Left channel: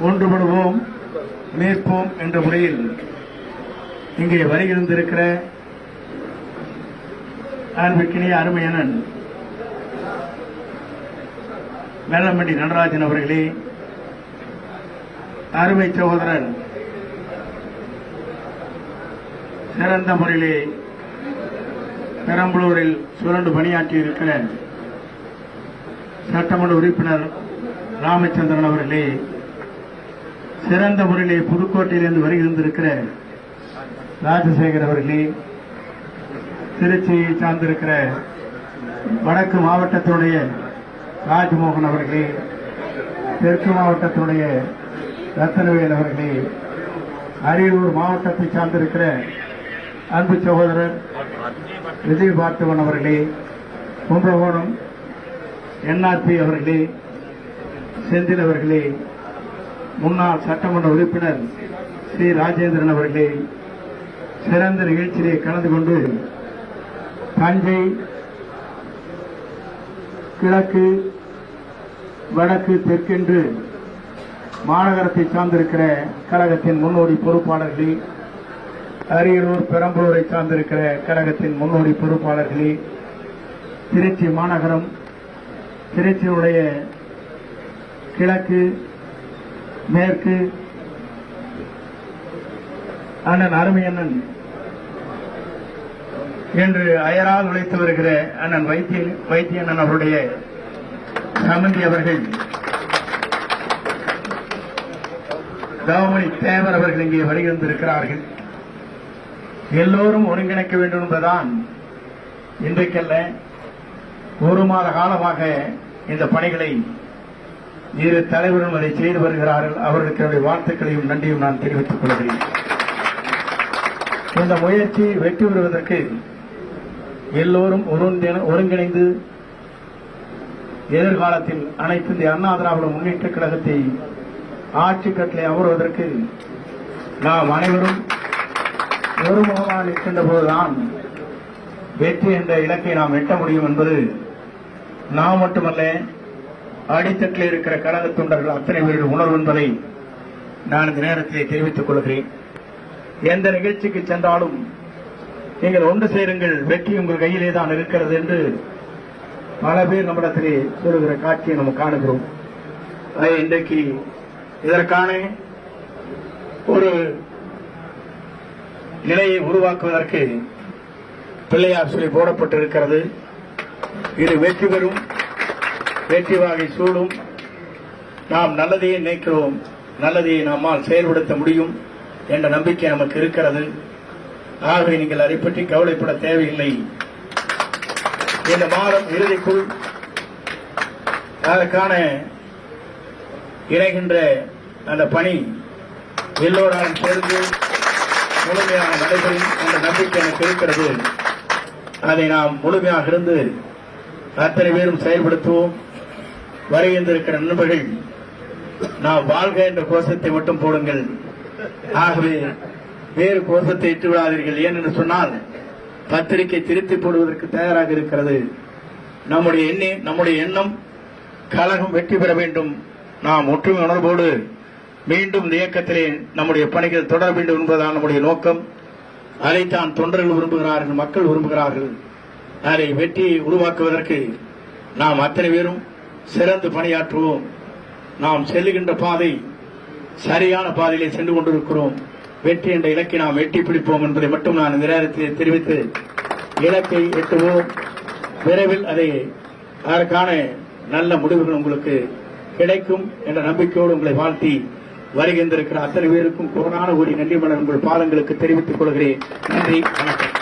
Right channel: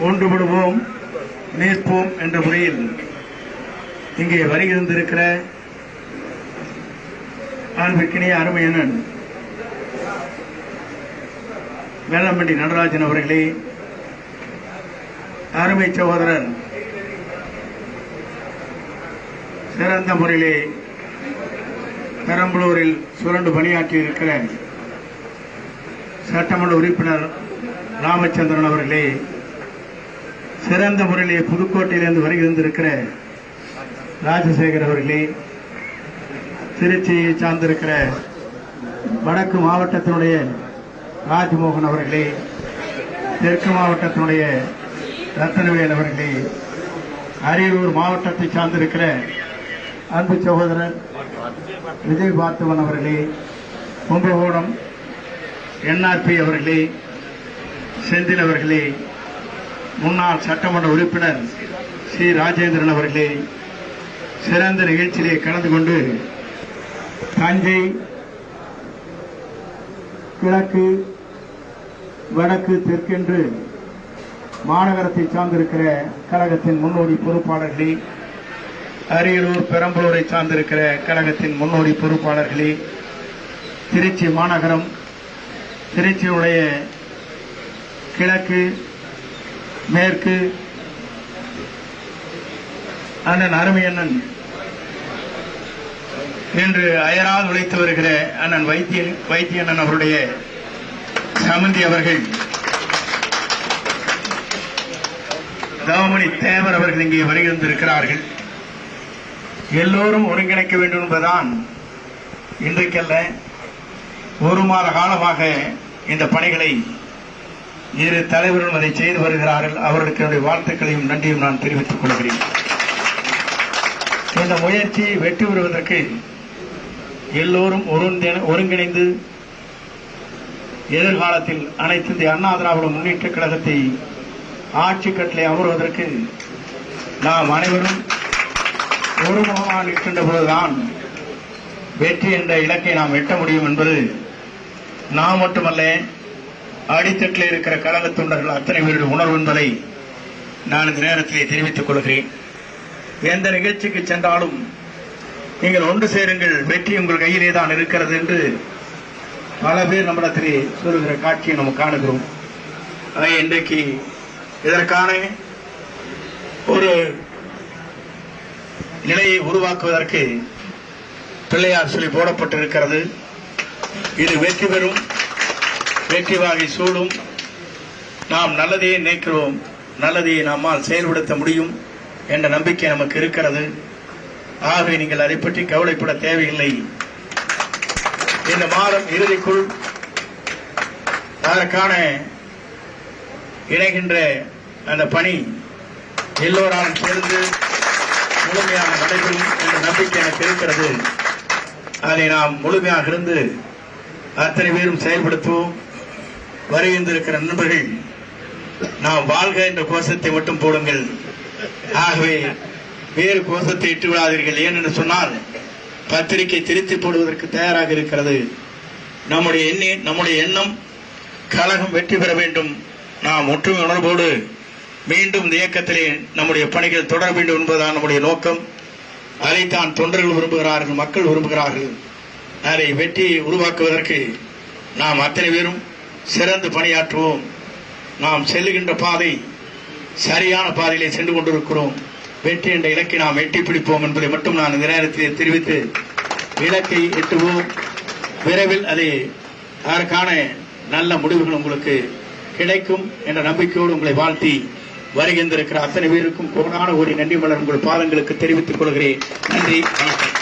ஒன்றுபடுவோம் நிற்போம் என்ற முறையில் இங்கே வருகிறந்திருக்கிற அன்பிற்கினிய அருமையான வேளாண்மண்டி நடராஜன் அவர்களே அருமை சகோதரர் சிறந்த முறையிலே பெரம்பலூரில் சுரண்டு பணியாற்றி இருக்கிற சட்டமன்ற உறுப்பினர் ராமச்சந்திரன் அவர்களே சிறந்த முறையிலே புதுக்கோட்டையிலிருந்து வருகிருந்திருக்கிற ராஜசேகர் அவர்களே திருச்சியை சார்ந்திருக்கிற வடக்கு மாவட்டத்தினுடைய ராஜ்மோகன் அவர்களே தெற்கு மாவட்டத்தினுடைய ரத்தனவேல் அவர்களே அரியலூர் மாவட்டத்தை சார்ந்திருக்கிற அன்பு சகோதரர் விஜய் பார்த்திபன் அவர்களே கும்பகோணம் என்ஆர்பி அவர்களே செந்தில் அவர்களே முன்னாள் சட்டமன்ற உறுப்பினர் சி. ராஜேந்திரன் அவர்களே சிறந்த நிகழ்ச்சியிலே கலந்து கொண்டு தஞ்சை கிழக்கு வடக்கு தெற்கென்று மாநகரத்தை சார்ந்திருக்கிற கழகத்தின் முன்னோடி பொறுப்பாளர்களே அரியலூர் பெரம்பலூரை சார்ந்திருக்கிற கழகத்தின் முன்னோடி பொறுப்பாளர்களே திருச்சி மாநகரம் திருச்சியுடைய கிழக்கு மேற்கு. அண்ணன் அருமையண்ணன் இன்று அயராது உழைத்து வருகிற அண்ணன் வைத்தியன் வைத்தியண்ணன் அவருடைய சமந்தி அவர்கள். தவமணி தேவர் அவர்கள் இங்கே வருகின்றிருக்கிறார்கள் எல்லோரும் ஒருங்கிணைக்க வேண்டும் என்பதுதான் இன்றைக்கல்ல ஒரு மாத காலமாக இந்த பணிகளை இரு தலைவரும் அதை செய்து வருகிறார்கள். அவர்களுக்கு என்னுடைய வாழ்த்துக்களையும் நன்றியும் நான் தெரிவித்துக் கொள்கிறேன். இந்த முயற்சி வெற்றி பெறுவதற்கு எல்லோரும் ஒருங்கிணைந்து எதிர்காலத்தில் அனைத்து இந்திய அண்ணா திராவிட முன்னேற்ற கழகத்தை ஆட்சி கட்டளை அமர்வதற்கு நாம் அனைவரும் ஒருமுகமாக நிற்கின்ற போதுதான் வெற்றி என்ற இலக்கை நாம் எட்ட முடியும் என்பது நாம் மட்டுமல்ல அடித்தட்டில் இருக்கிற கழக தொண்டர்கள் அத்தனை பேருடைய உணர்வு நான் இந்த நேரத்திலே தெரிவித்துக் கொள்கிறேன். எந்த நிகழ்ச்சிக்கு சென்றாலும் நீங்கள் ஒன்று சேருங்கள் வெற்றி உங்கள் கையிலே தான் இருக்கிறது என்று பல பேர் நம்மிடத்திலே சொல்லுகிற காட்சியை நம்ம காணுகிறோம். இன்றைக்கு இதற்கான ஒரு நிலையை உருவாக்குவதற்கு பிள்ளையார் சொல்லி போடப்பட்டிருக்கிறது. இது வெற்றி பெறும். வெற்றி வாகை சூடும். நாம் நல்லதையே நினைக்கிறோம் நல்லதையே நம்மால் செயல்படுத்த முடியும் என்ற நம்பிக்கை நமக்கு இருக்கிறது. ஆகவே நீங்கள் அதை பற்றி கவலைப்பட தேவையில்லை. இந்த மாதம் இறுதிக்குள் அதற்கான இணைகின்ற அந்த பணி எல்லோராலும் சேர்ந்து முழுமையாக நடைபெறும் என்ற நம்பிக்கை எனக்கு இருக்கிறது. அதை நாம் முழுமையாக இருந்து அத்தனை பேரும் செயல்படுத்துவோம். வருகின்றிருக்கிற நண்பர்கள் நாம் வாழ்க என்ற கோஷத்தை மட்டும் போடுங்கள். ஆகவே வேறு கோஷத்தை இட்டு விடாதீர்கள். ஏனென்று சொன்னால் பத்திரிகை திருத்தி போடுவதற்கு தயாராக இருக்கிறது. நம்முடைய எண்ணி நம்முடைய எண்ணம் கழகம் வெற்றி பெற வேண்டும். நாம் ஒற்றுமை உணர்வோடு மீண்டும் இந்த இயக்கத்திலே நம்முடைய பணிகள் தொடர வேண்டும் என்பதுதான் நம்முடைய நோக்கம். அதைத்தான் தொண்டர்கள் விரும்புகிறார்கள் மக்கள் விரும்புகிறார்கள். அதை வெற்றியை உருவாக்குவதற்கு நாம் அத்தனை பேரும் சிறந்து பணியாற்றுவோம். நாம் செல்லுகின்ற பாதை சரியான பாதையிலே சென்று கொண்டிருக்கிறோம். வெற்றி என்ற இலக்கை நாம் எட்டி பிடிப்போம் என்பதை மட்டும் நான் இந்த நேரத்தில் தெரிவித்து இலக்கை எட்டுவோம். விரைவில் அதை அதற்கான நல்ல முடிவுகள் உங்களுக்கு கிடைக்கும் என்ற நம்பிக்கையோடு உங்களை வாழ்த்தி வருகின்றிருக்கிற அத்தனை பேருக்கும் கோடான ஒரு நன்றி மலர் உங்கள் பாதங்களுக்கு தெரிவித்துக் கொள்கிறேன். நன்றி வணக்கம்.